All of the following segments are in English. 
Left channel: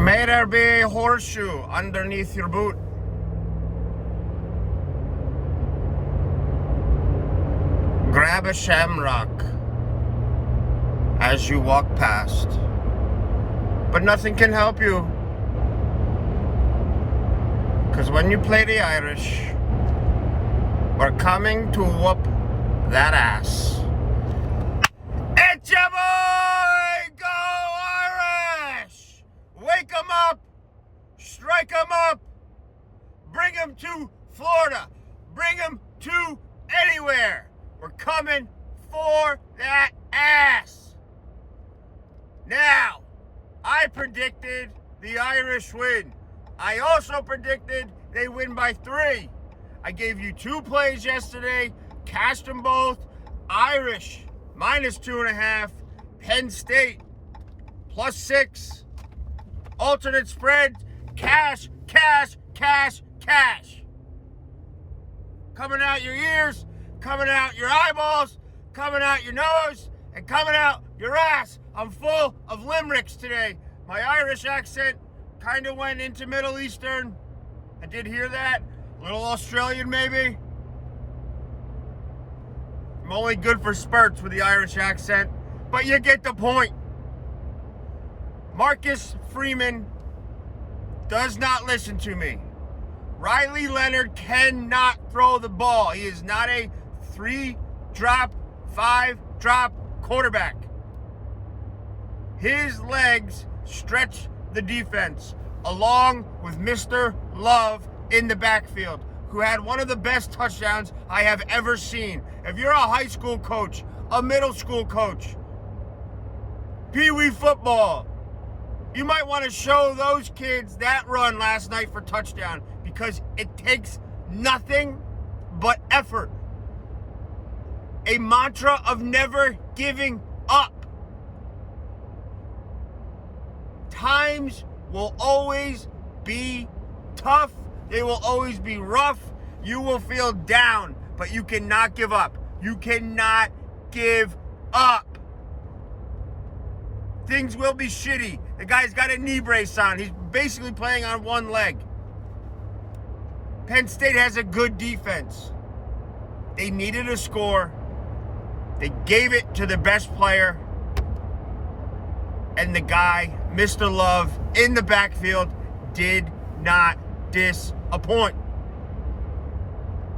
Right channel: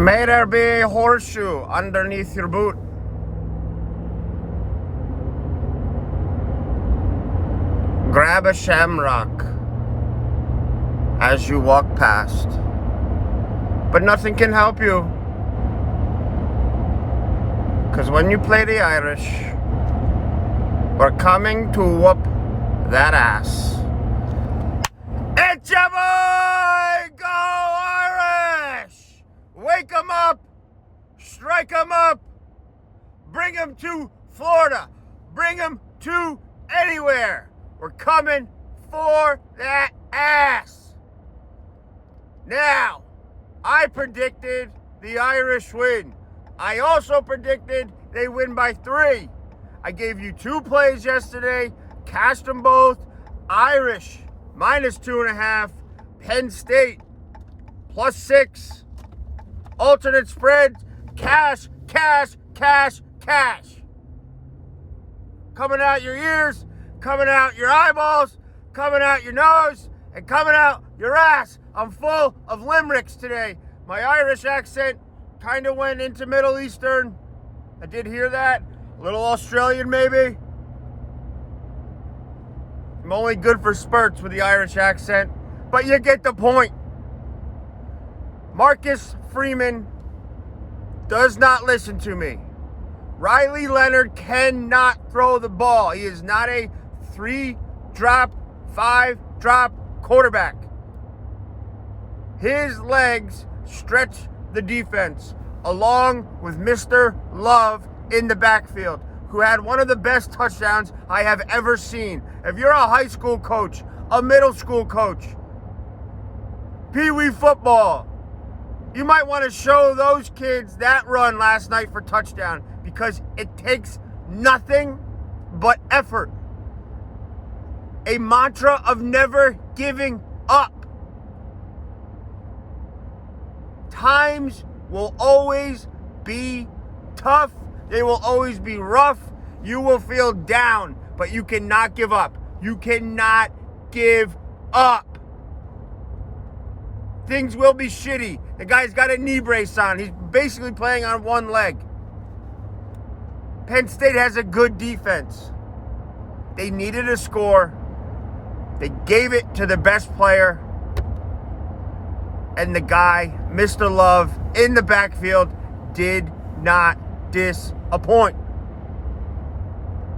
May there be a horseshoe underneath your boot. Grab a shamrock as you walk past, but nothing can help you, because when you play the Irish, we're coming to whoop that ass. It's your boy, Go Irish! Wake 'em up, strike 'em up, bring 'em to Florida, bring 'em to anywhere. We're coming for that ass. Now, I predicted the Irish win. I also predicted they win by 3. I gave you 2 plays yesterday, cashed them both. Irish, -2.5. Penn State, +6. Alternate spread, cash, cash, cash, cash. Coming out your ears, coming out your eyeballs, coming out your nose, and coming out your ass. I'm full of limericks today. My Irish accent kind of went into Middle Eastern. I did hear that. A little Australian, maybe. I'm only good for spurts with the Irish accent, but you get the point. Marcus Freeman does not listen to me. Riley Leonard cannot throw the ball. He is not a 3-drop, 5-drop quarterback. His legs stretch the defense, along with Mr. Love in the backfield, who had one of the best touchdowns I have ever seen. If you're a high school coach, a middle school coach, Pee-wee football, you might want to show those kids that run last night for touchdown, because it takes nothing but effort. A mantra of never giving up. Times will always be tough. They will always be rough. You will feel down, but you cannot give up. You cannot give up. Things will be shitty. The guy's got a knee brace on. He's basically playing on one leg. Penn State has a good defense. They needed a score. They gave it to the best player. And the guy, Mr. Love, in the backfield, did not disappoint.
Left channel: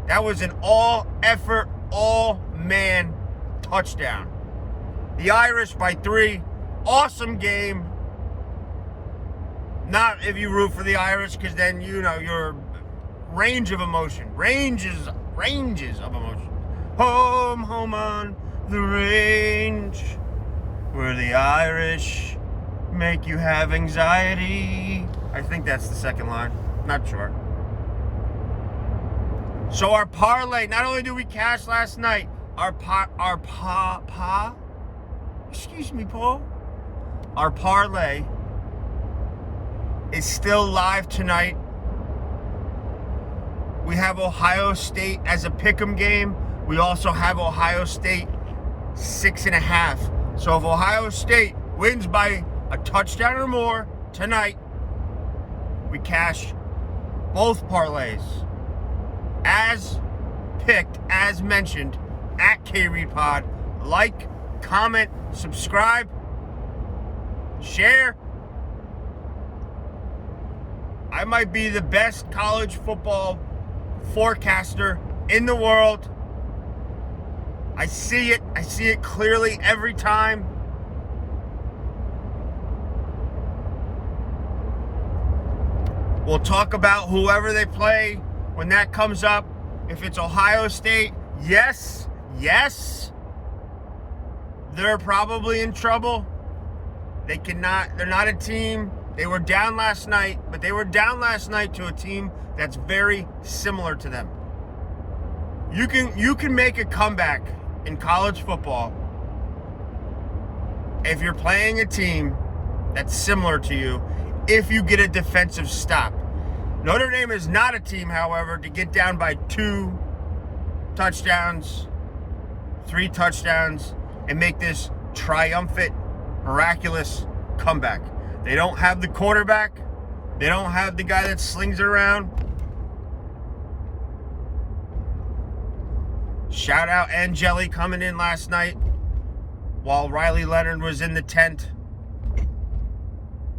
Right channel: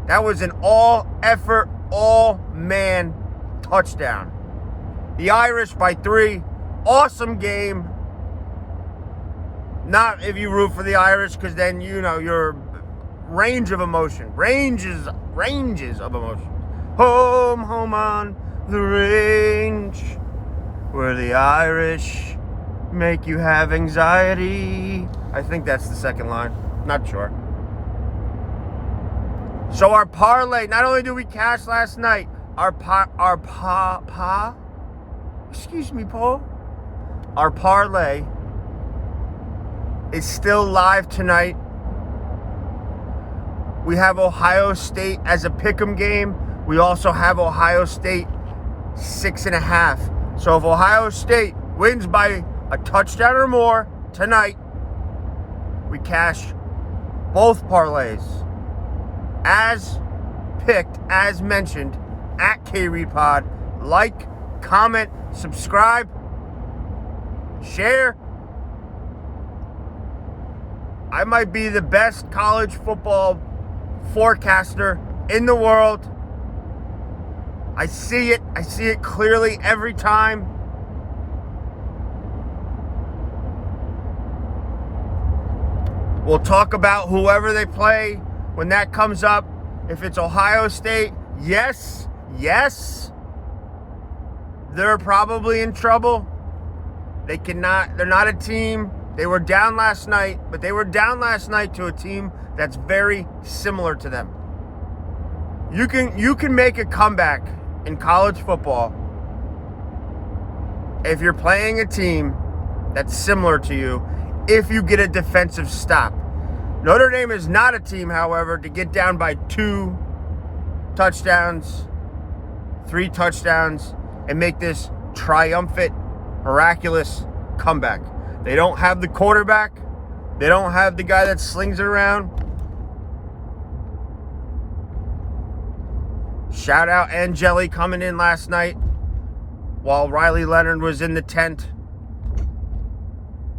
That was an all-effort, all-man touchdown. The Irish by 3. Awesome game. Not if you root for the Irish, because then, you know, your range of emotion. Ranges of emotion. Home on the range, where the Irish make you have anxiety. I think that's the second line. Not sure. So our parlay, not only did we cash last night, excuse me, Paul. Our parlay is still live tonight. We have Ohio State as a pick'em game. We also have Ohio State 6.5. So if Ohio State wins by a touchdown or more tonight, we cash both parlays. As picked, as mentioned, at KReedPod. Like, comment, subscribe, share. I might be the best college football forecaster in the world. I see it clearly every time. We'll talk about whoever they play when that comes up. If it's Ohio State, yes, they're probably in trouble. They're not a team. They were down last night, but they were down last night to a team that's very similar to them. You can make a comeback in college football if you're playing a team that's similar to you, if you get a defensive stop. Notre Dame is not a team, however, to get down by 2 touchdowns, 3 touchdowns, and make this triumphant, miraculous comeback. They don't have the quarterback. They don't have the guy that slings it around. Shout out Angeli coming in last night while Riley Leonard was in the tent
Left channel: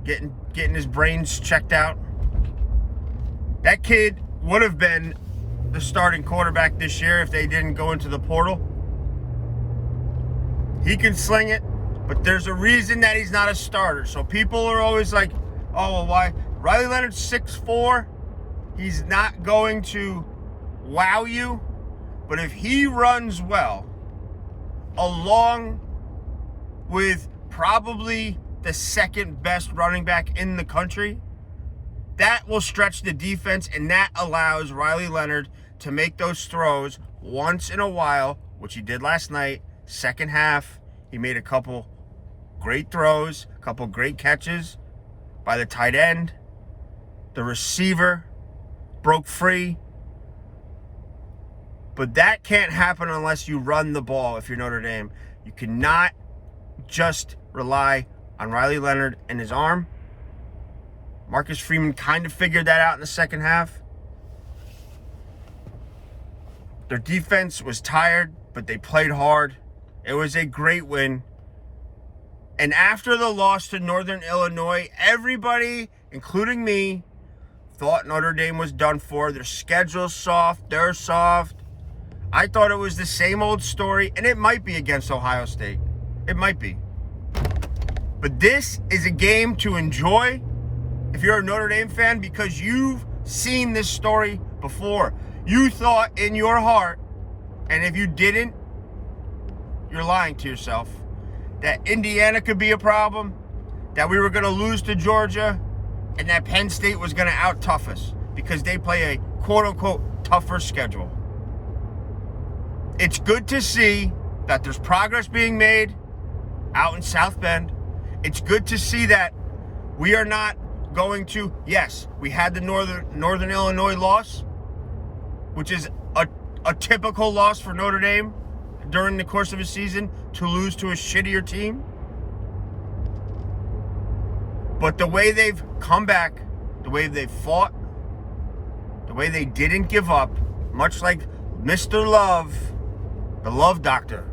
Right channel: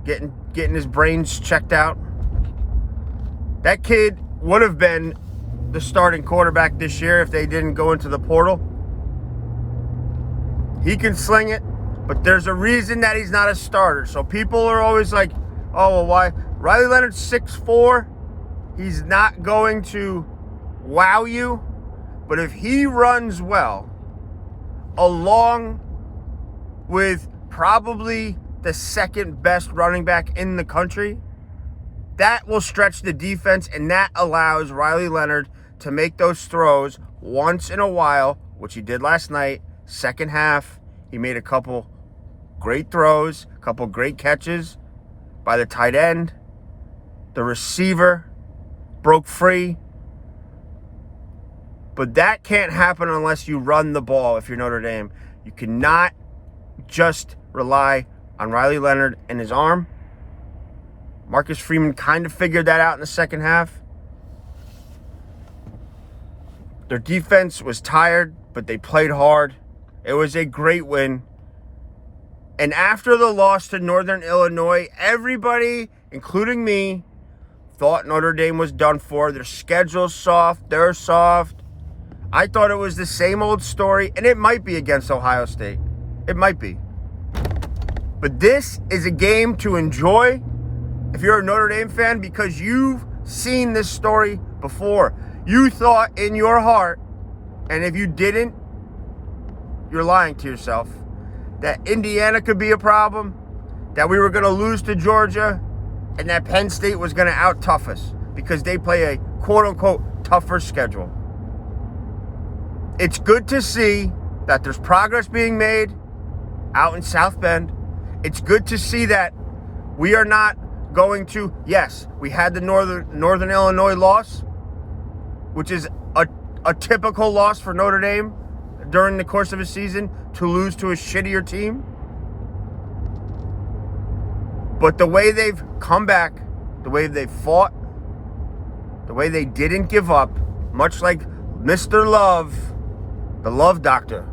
getting his brains checked out. That kid would have been the starting quarterback this year if they didn't go into the portal. He can sling it, but there's a reason that he's not a starter. So people are always like, oh, well, why? Riley Leonard's 6'4". He's not going to wow you. But if he runs well, along with probably the second best running back in the country, that will stretch the defense, and that allows Riley Leonard to make those throws once in a while, which he did last night. Second half, he made a couple great throws, a couple great catches by the tight end. The receiver broke free. But that can't happen unless you run the ball if you're Notre Dame. You cannot just rely on Riley Leonard and his arm. Marcus Freeman kind of figured that out in the second half. Their defense was tired, but they played hard. It was a great win. And after the loss to Northern Illinois, everybody, including me, thought Notre Dame was done for. Their schedule's soft. They're soft. I thought it was the same old story, and it might be against Ohio State. It might be. But this is a game to enjoy if you're a Notre Dame fan, because you've seen this story before. You thought in your heart, and if you didn't, you're lying to yourself, that Indiana could be a problem, that we were going to lose to Georgia, and that Penn State was going to out-tough us because they play a quote-unquote tougher schedule. It's good to see that there's progress being made out in South Bend. It's good to see that we are not going to, yes, we had the Northern Illinois loss, which is a typical loss for Notre Dame during the course of a season, to lose to a shittier team. But the way they've come back, the way they've fought, the way they didn't give up, much like Mr. Love, the Love Doctor,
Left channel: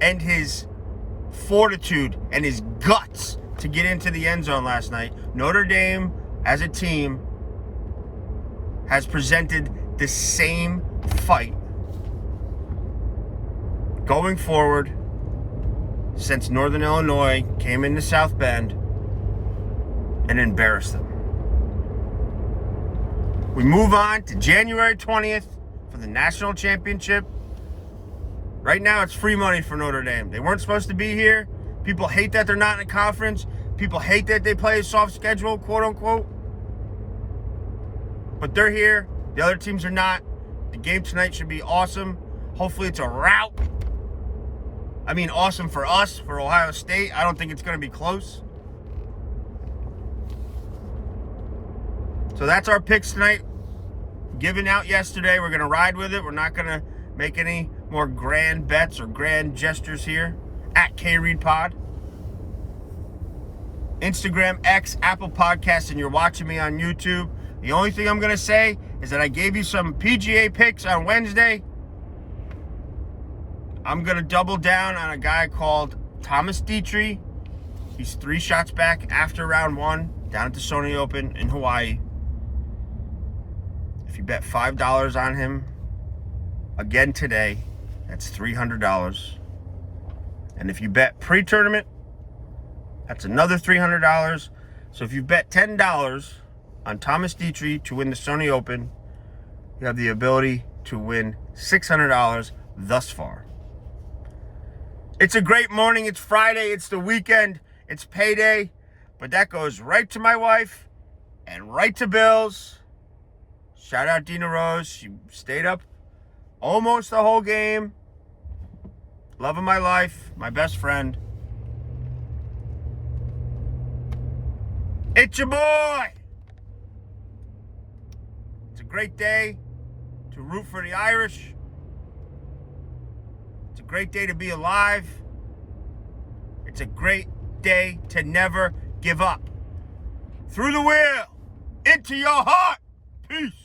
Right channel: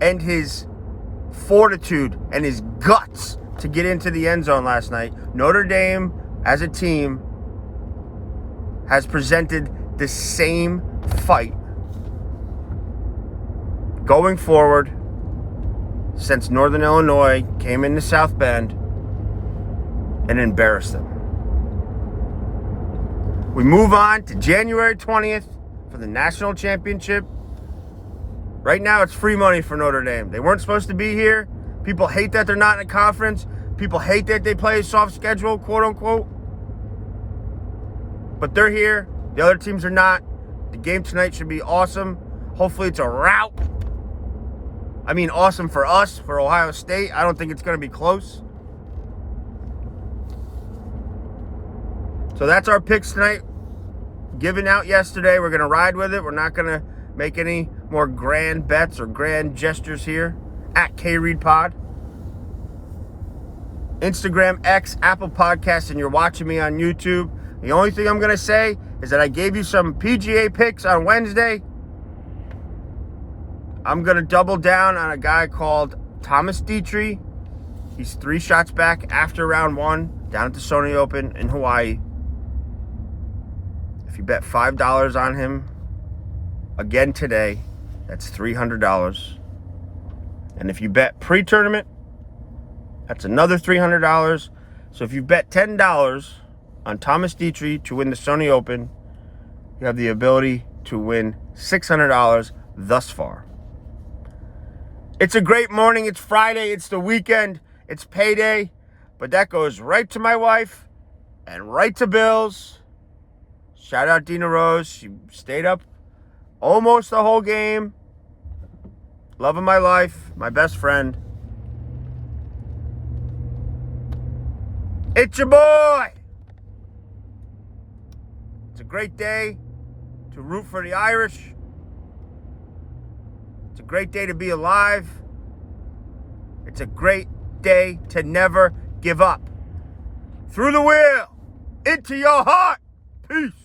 and his fortitude and his guts to get into the end zone last night, Notre Dame as a team has presented the same fight going forward since Northern Illinois came into South Bend and embarrassed them. We move on to January 20th for the national championship. Right now, it's free money for Notre Dame. They weren't supposed to be here. People hate that they're not in a conference. People hate that they play a soft schedule, quote unquote. But they're here. The other teams are not. The game tonight should be awesome. Hopefully it's a rout. I mean, awesome for us, for Ohio State. I don't think it's going to be close. So that's our picks tonight. Given out yesterday. We're going to ride with it. We're not going to make any more grand bets or grand gestures here. At KReedPod. Instagram, X, Apple Podcasts, and you're watching me on YouTube. The only thing I'm going to say is that I gave you some PGA picks on Wednesday. I'm going to double down on a guy called Thomas Dietrich. He's 3 shots back after round 1 down at the Sony Open in Hawaii. If you bet $5 on him again today, that's $300. And if you bet pre-tournament, that's another $300. So if you bet $10 on Thomas Dietrich to win the Sony Open, you have the ability to win $600 thus far. It's a great morning. It's Friday. It's the weekend. It's payday. But that goes right to my wife and right to Bills. Shout out Dina Rose. She stayed up almost the whole game. Love of my life. My best friend. It's your boy. It's a great day to root for the Irish. It's a great day to be alive. It's a great day to never give up. through the wheel, into your heart. Peace.